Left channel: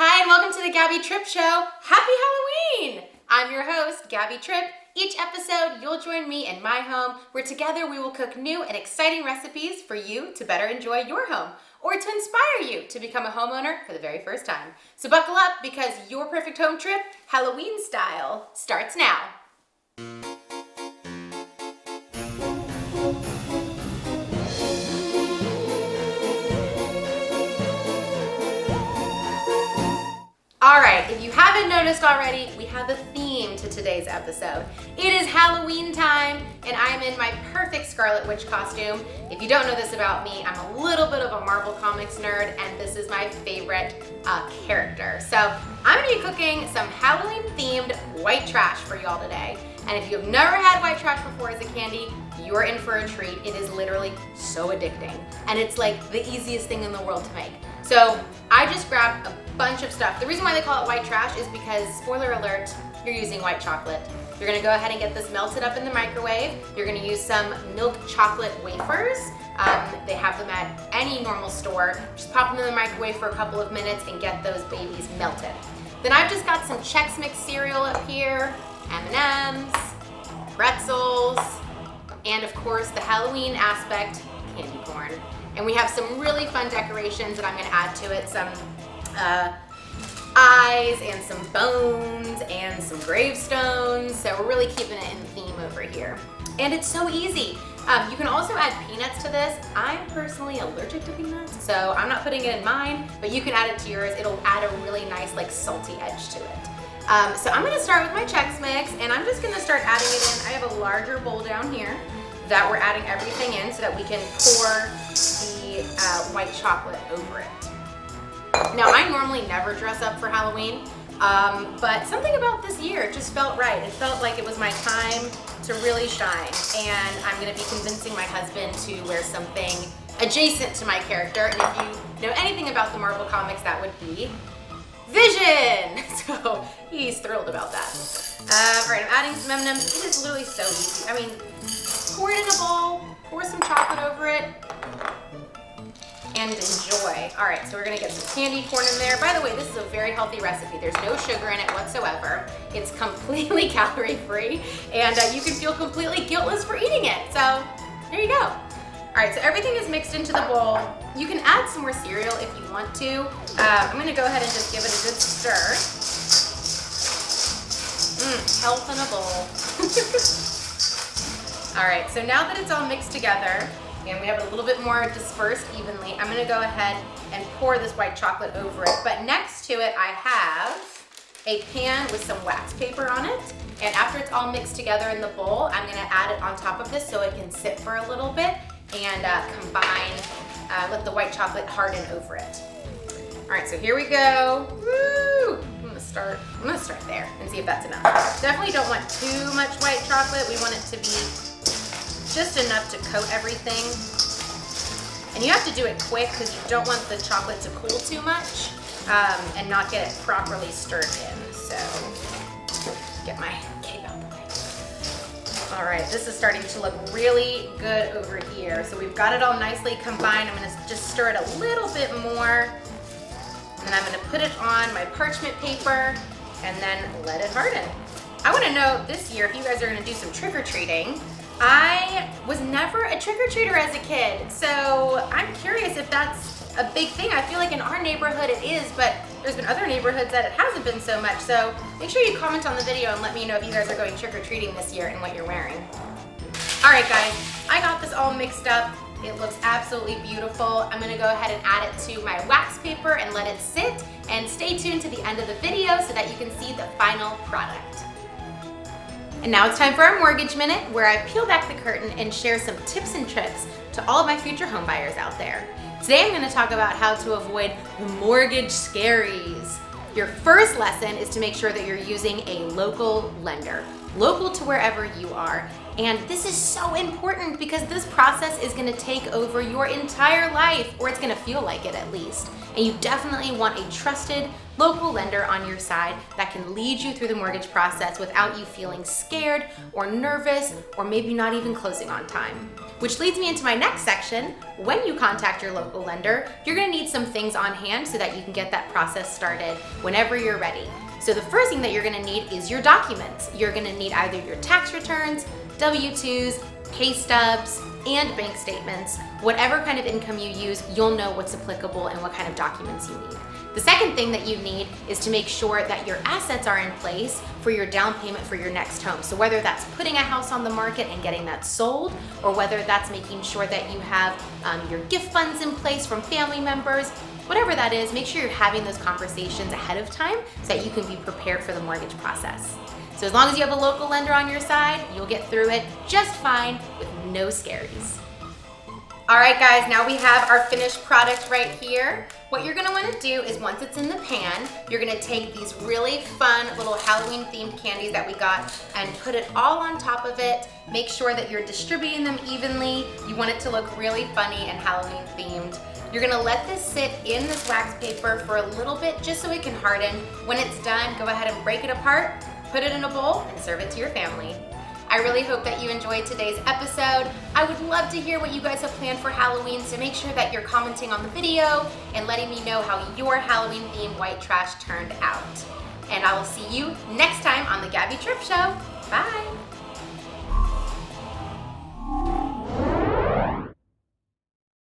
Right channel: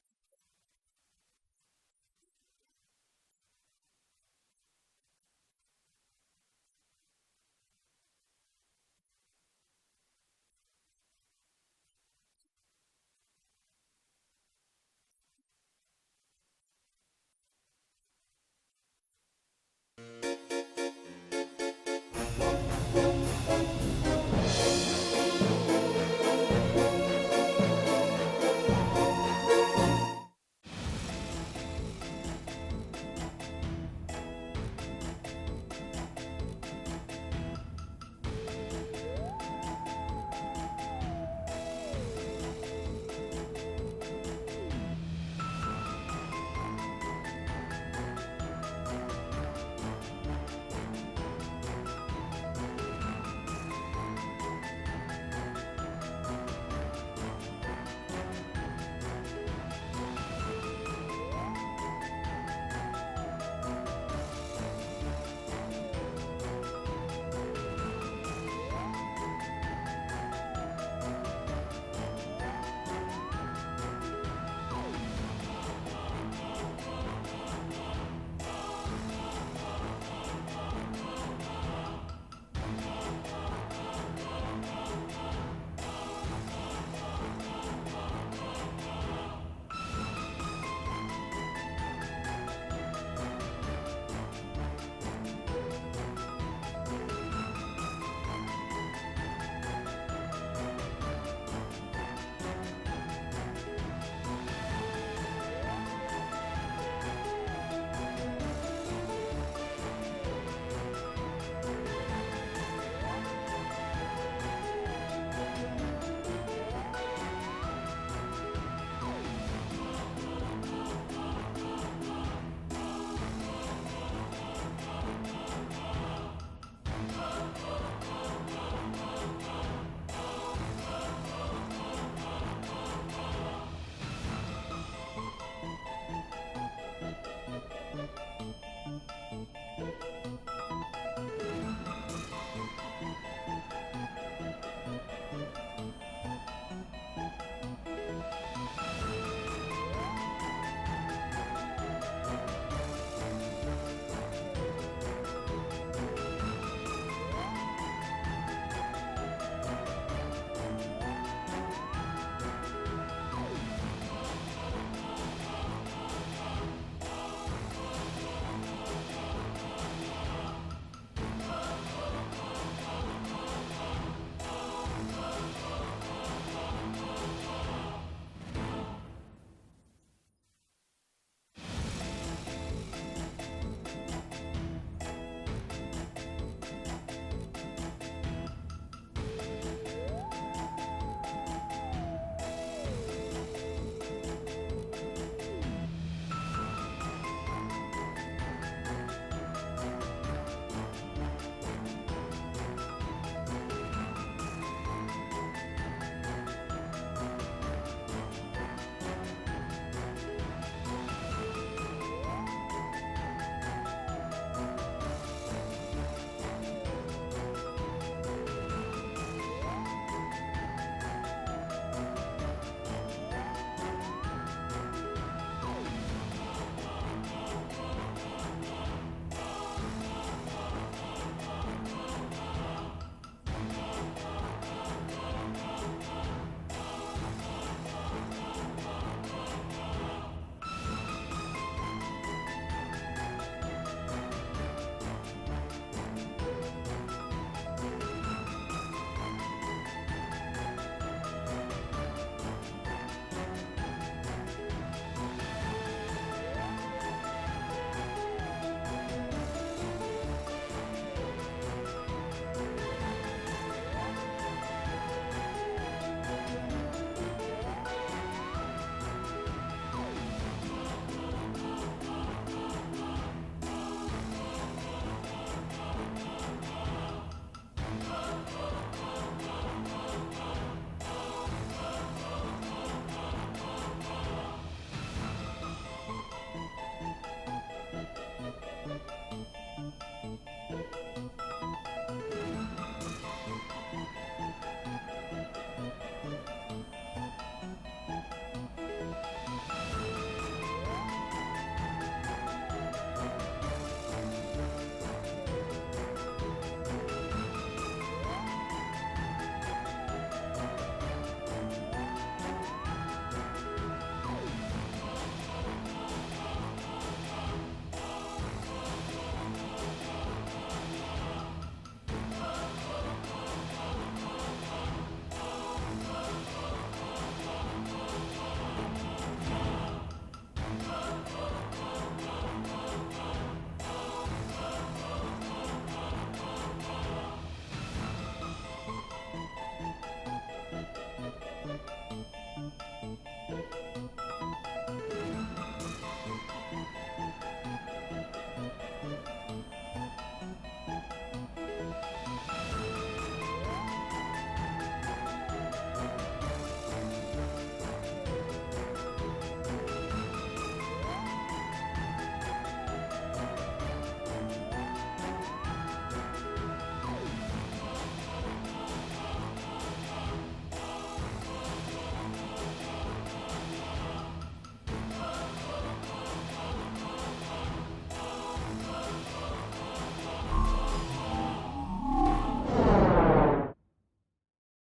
Hi, and welcome to the Gabby Tripp Show. Happy Halloween! I'm your host, Gabby Tripp. Each episode, you'll join me in my home, where together we will cook new and exciting recipes for you to better enjoy your home, or to inspire you to become a homeowner for the very first time. So buckle up, because your perfect home trip, Halloween style, starts now. All right, if you haven't noticed already, we have a theme to today's episode. It is Halloween time, and I'm in my perfect Scarlet Witch costume. If you don't know this about me, I'm a little bit of a Marvel Comics nerd, and this is my favorite character. So I'm gonna be cooking some Halloween-themed white trash for y'all today. And if you've never had white trash before as a candy, you're in for a treat. It is literally so addicting, and it's like the easiest thing in the world to make. So I just grabbed a bunch of stuff. The reason why they call it white trash is because, spoiler alert, you're using white chocolate. You're gonna go ahead and get this melted up in the microwave. You're gonna use some milk chocolate wafers. They have them at any normal store. Just pop them in the microwave for a couple of minutes and get those babies melted. Then I've just got some Chex Mix cereal up here, M&Ms, pretzels, and of course the Halloween aspect, candy corn. And we have some really fun decorations that I'm gonna add to it. Some eyes and some bones and some gravestones. So we're really keeping it in theme over here. And it's so easy. You can also add peanuts to this. I'm personally allergic to peanuts, so I'm not putting it in mine, but you can add it to yours. It'll add a really nice, like, salty edge to it. So I'm gonna start with my Chex Mix, and I'm just gonna start adding it in. I have a larger bowl down here that we're adding everything in so that we can pour the white chocolate over it. Now, I normally never dress up for Halloween, but something about this year just felt right. It felt like it was my time to really shine, and I'm gonna be convincing my husband to wear something adjacent to my character. And if you know anything about the Marvel Comics, that would be Vision! So he's thrilled about that. All right, I'm adding some M&Ms. It is literally so easy. I mean, pour it in a bowl, pour some chocolate over it, and enjoy. All right, so we're gonna get some candy corn in there. By the way, this is a very healthy recipe. There's no sugar in it whatsoever. It's completely calorie-free, and you can feel completely guiltless for eating it. So there you go. All right, so everything is mixed into the bowl. You can add some more cereal if you want to. I'm gonna go ahead and just give it a good stir. Health in a bowl. All right, so now that it's all mixed together, and we have it a little bit more dispersed evenly, I'm gonna go ahead and pour this white chocolate over it. But next to it, I have a pan with some wax paper on it. And after it's all mixed together in the bowl, I'm gonna add it on top of this so it can sit for a little bit and combine, let the white chocolate harden over it. All right, so here we go. Woo! I'm gonna start there and see if that's enough. Definitely don't want too much white chocolate. We want it to be just enough to coat everything. And you have to do it quick because you don't want the chocolate to cool too much and not get it properly stirred in. So, get my cape out of the way. All right, this is starting to look really good over here. So we've got it all nicely combined. I'm gonna just stir it a little bit more. And I'm gonna put it on my parchment paper and then let it harden. I wanna know this year if you guys are gonna do some trick-or-treating. I was never a trick-or-treater as a kid, so I'm curious if that's a big thing. I feel like in our neighborhood it is, but there's been other neighborhoods that it hasn't been so much. So make sure you comment on the video and let me know if you guys are going trick-or-treating this year and what you're wearing. All right, guys, I got this all mixed up. It looks absolutely beautiful. I'm gonna go ahead and add it to my wax paper and let it sit, and stay tuned to the end of the video so that you can see the final product. And now it's time for our Mortgage Minute, where I peel back the curtain and share some tips and tricks to all of my future home buyers out there. Today I'm going to talk about how to avoid mortgage scaries. Your first lesson is to make sure that you're using a local lender, local to wherever you are. And this is so important because this process is gonna take over your entire life, or it's gonna feel like it at least. And you definitely want a trusted local lender on your side that can lead you through the mortgage process without you feeling scared or nervous or maybe not even closing on time. Which leads me into my next section. When you contact your local lender, you're gonna need some things on hand so that you can get that process started whenever you're ready. So the first thing that you're gonna need is your documents. You're gonna need either your tax returns, W-2s, pay stubs, and bank statements. Whatever kind of income you use, you'll know what's applicable and what kind of documents you need. The second thing that you need is to make sure that your assets are in place for your down payment for your next home. So whether that's putting a house on the market and getting that sold, or whether that's making sure that you have your gift funds in place from family members, whatever that is, make sure you're having those conversations ahead of time so that you can be prepared for the mortgage process. So as long as you have a local lender on your side, you'll get through it just fine with no scaries. All right, guys, now we have our finished product right here. What you're gonna wanna do is once it's in the pan, you're gonna take these really fun little Halloween themed candies that we got and put it all on top of it. Make sure that you're distributing them evenly. You want it to look really funny and Halloween themed. You're gonna let this sit in this wax paper for a little bit just so it can harden. When it's done, go ahead and break it apart, put it in a bowl, and serve it to your family. I really hope that you enjoyed today's episode. I would love to hear what you guys have planned for Halloween, so make sure that you're commenting on the video and letting me know how your Halloween themed white trash turned out. And I will see you next time on the Gabby Tripp Show. Bye.